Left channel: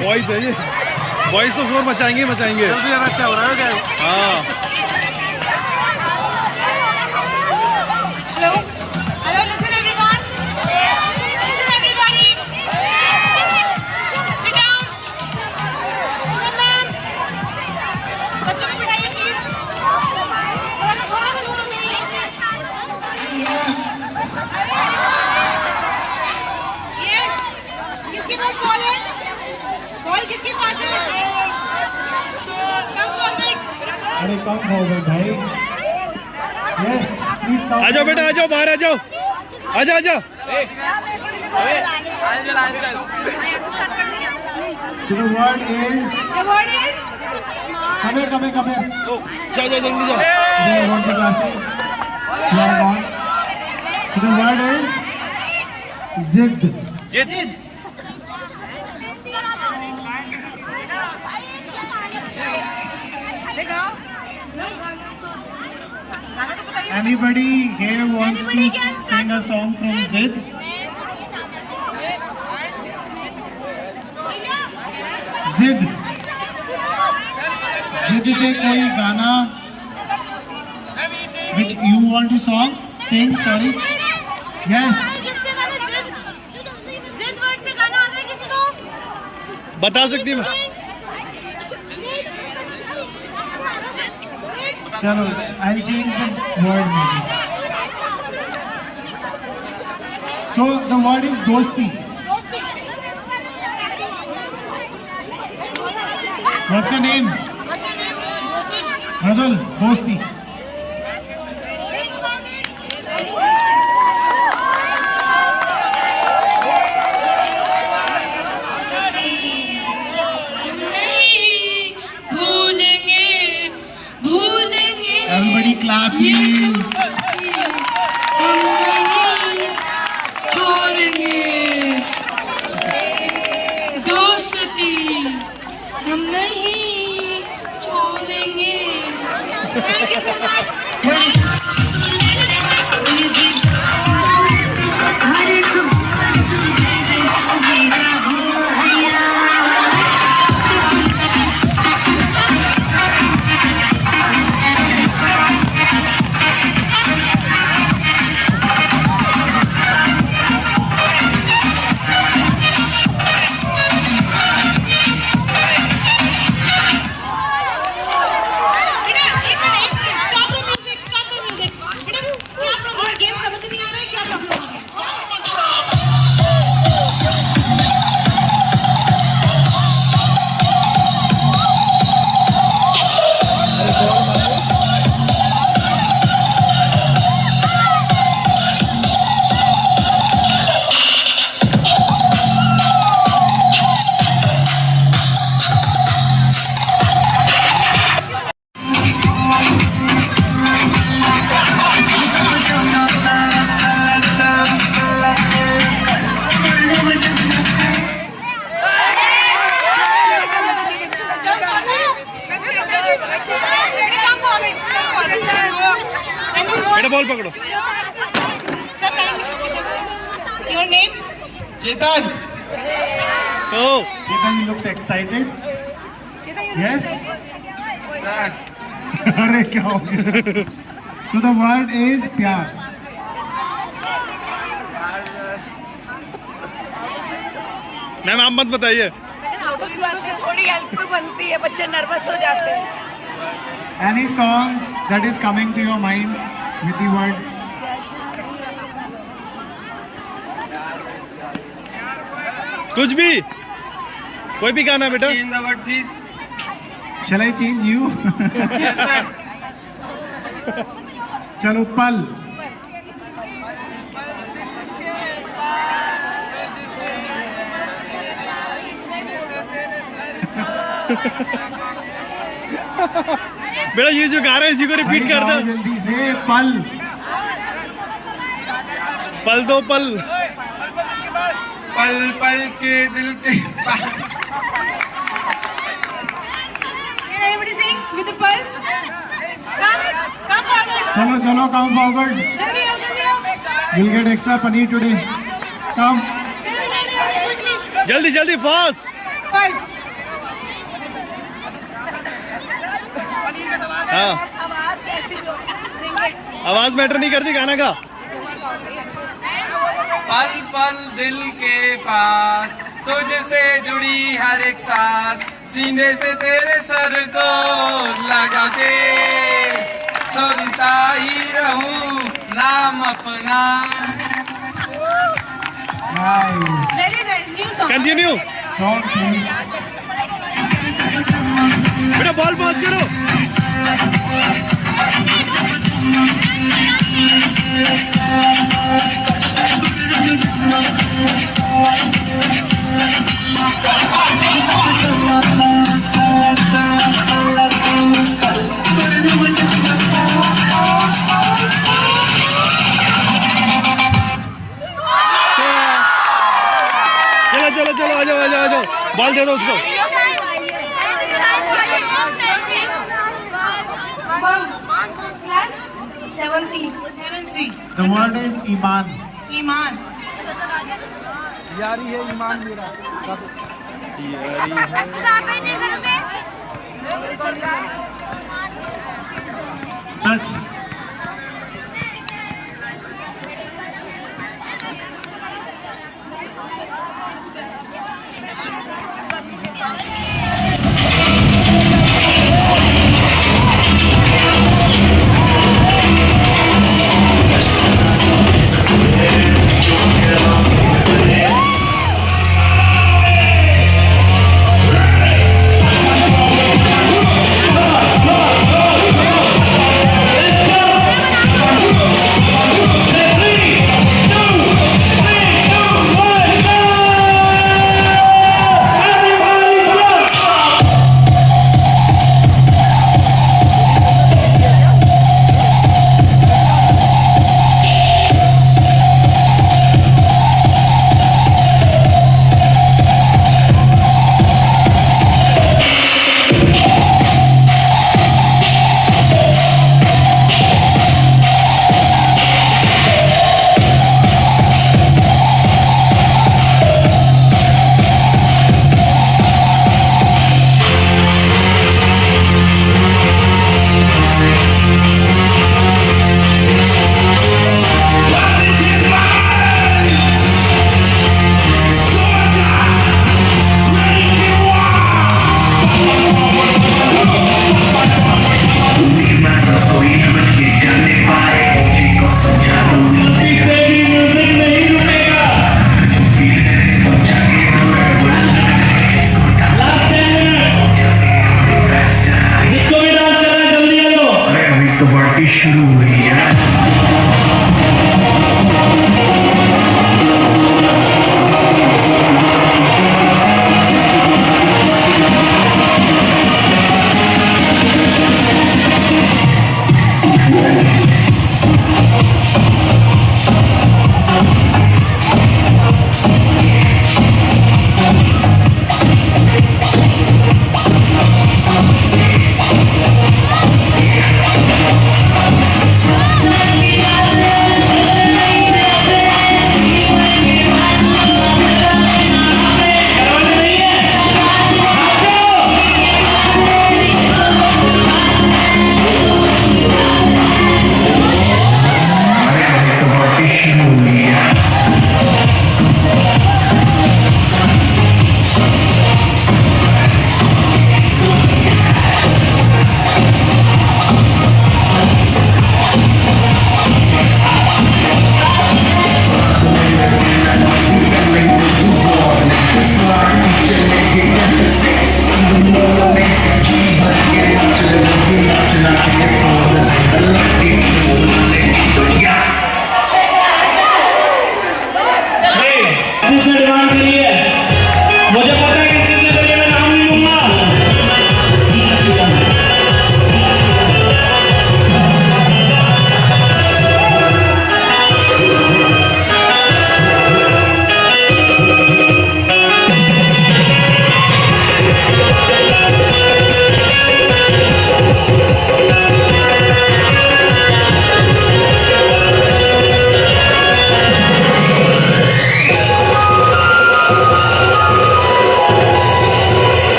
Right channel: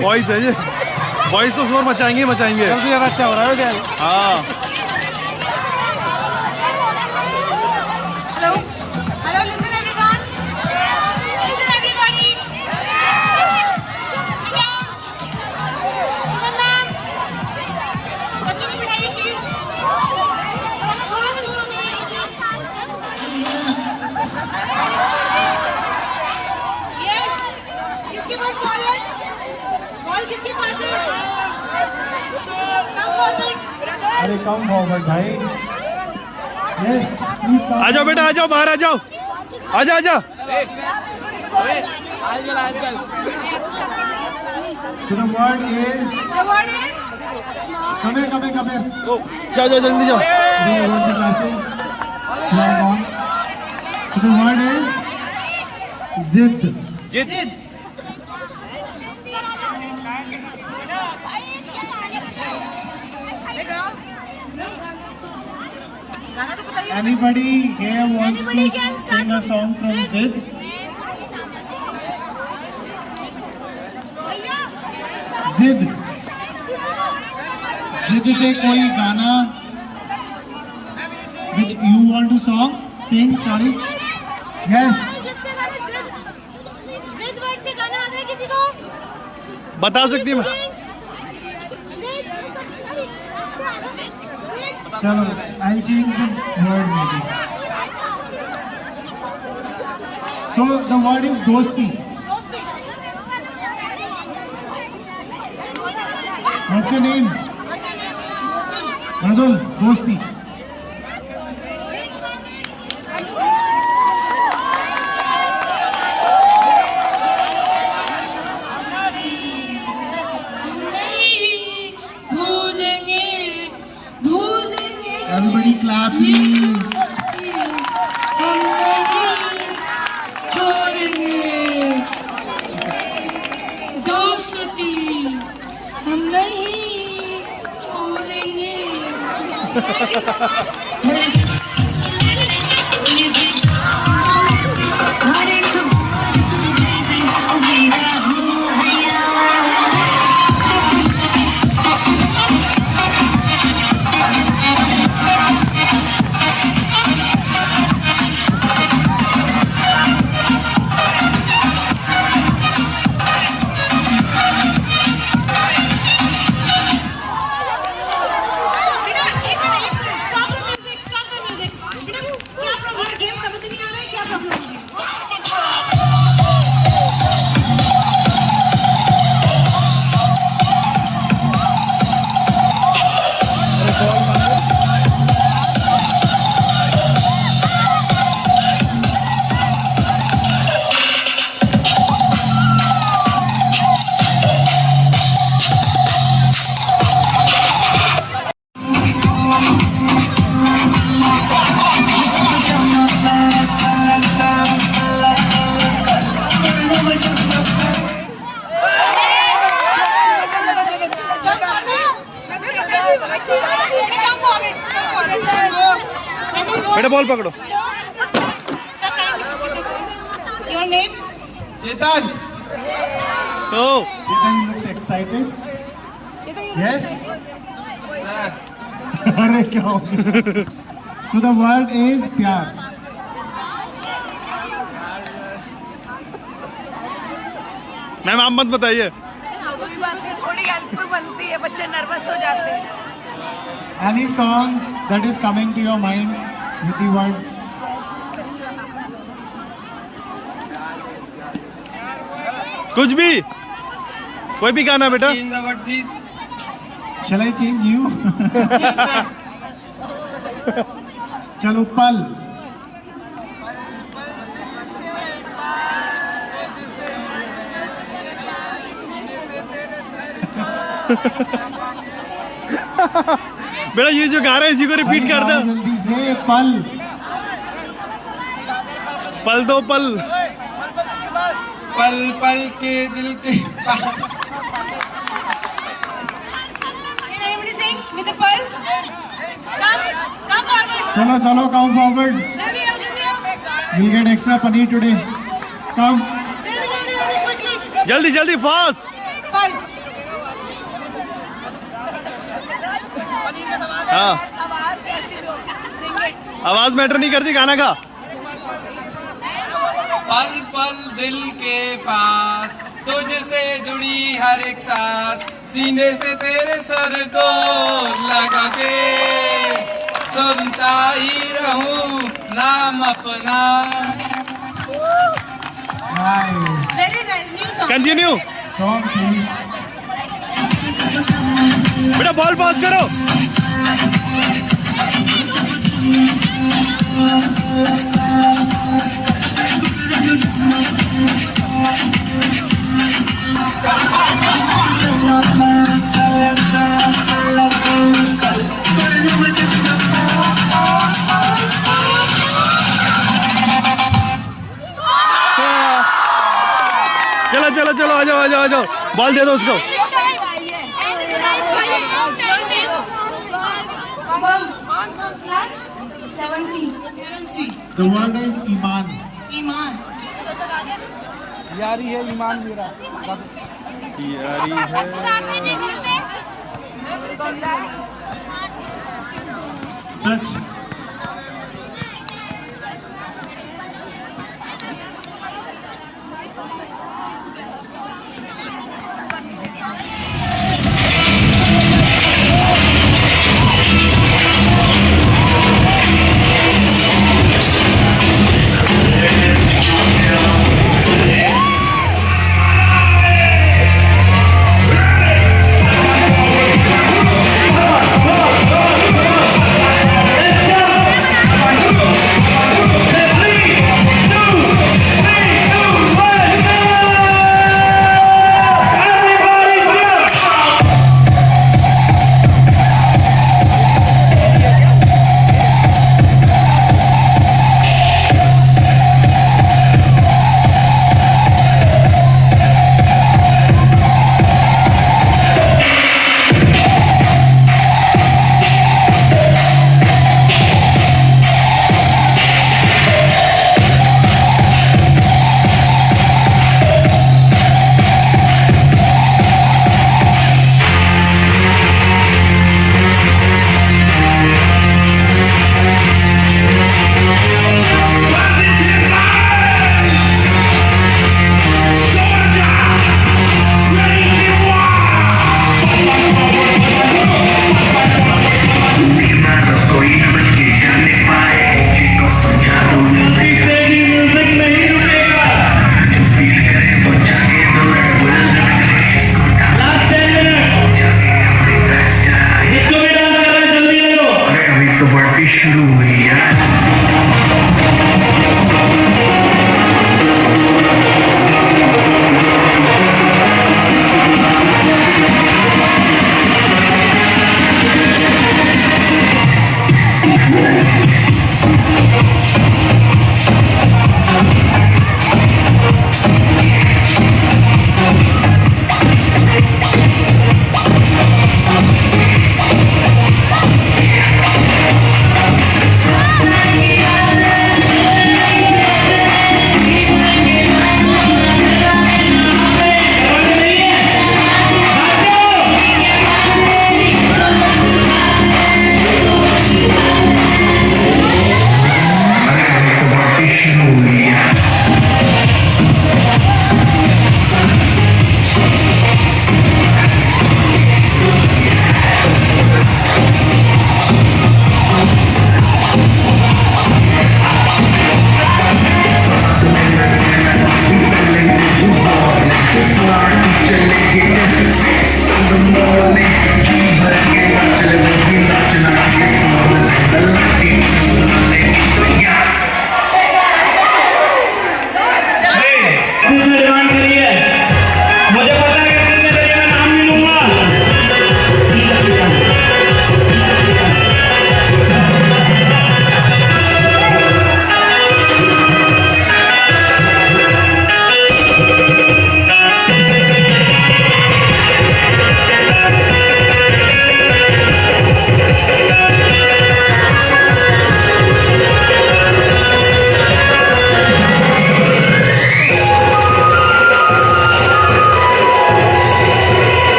Boys है ये, boys तो शोर मचाएंगे मचाएंगे। अच्छा हो रहा है। हाँ किसके पास है? अरे कम फॉरवर्ड भाई। यस प्लीज आ जाओ बेटा, आ जाओ, बाहर आ जाओ, आजा आजा। So the word is come जाओ जाओ जल्दी जाओ। they want the glasses. Log on. So the word is zid. जिद। Anybody here wants to sing a song from Zid? Zid. Zid से कोई गाना which you want to sing? Sorry. Yes. बता सकती है। चलो, I'll change the word maybe. So the word is dosti. What's your name? Radul, dosti. Everybody clap please. हम नहीं छोड़ेंगे दोस्ती, हम नहीं छोड़ेंगे। बेटा बॉल पकड़ो. Sir, your name? Chetan. Oh. Chetan looks excited. Yes. अरे क्या हो गया? So the word is प्यार. मैम आप मत बताइए. थोड़ी हेल्प तो बनती है, बच्चे नर्वस हो जाते हैं. Any song that is coming to your mind with the word? कुछ भी, कोई भी गाना बेटा. In the word, please. Shall I change you? Yes, sir. चलो पल. बेटा ये जो गा रहे हैं इसी को रिपीट कर दो. जल्दी से पल. पल दो पल. पल पल के दिल के पास. Can anybody sing with a pulse? Come forward. चलो चलो come forward. जल्दी आओ, जल्दी आओ. You'll get extra paneer today. Come. जल्दी जल्दी जल्दी quickly. जल्दी जल्दी फास्ट. Five. हाँ, आवाज कैसी भी हो, sing it. आवाज मैटर नहीं करती गाना का. पल पल दिल के पास तुझसे जुड़ी हर एक सांस सीने से तेरे सर को लगा के सुनता ही रहूं नाम अपना. Nice. Very nice, new song. Continue. Song please. बेटा बॉल पास करो. चलो चलो चलो आ जाओ आ जाओ आ जाओ. बॉल दे दो उसको. Class 7C. 7C. The word is iman. Iman. यारी है. Sach.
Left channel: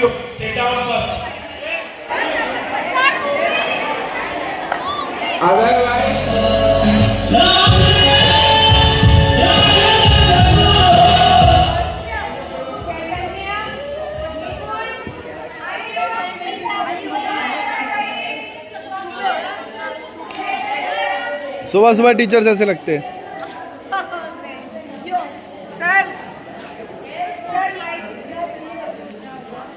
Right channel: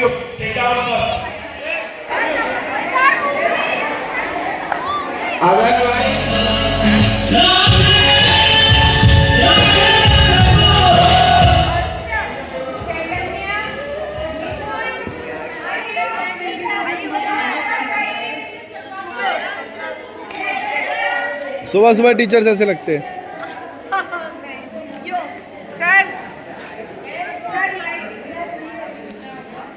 you. Center on first. सुबह सुबह टीचर्स ऐसे लगते हैं।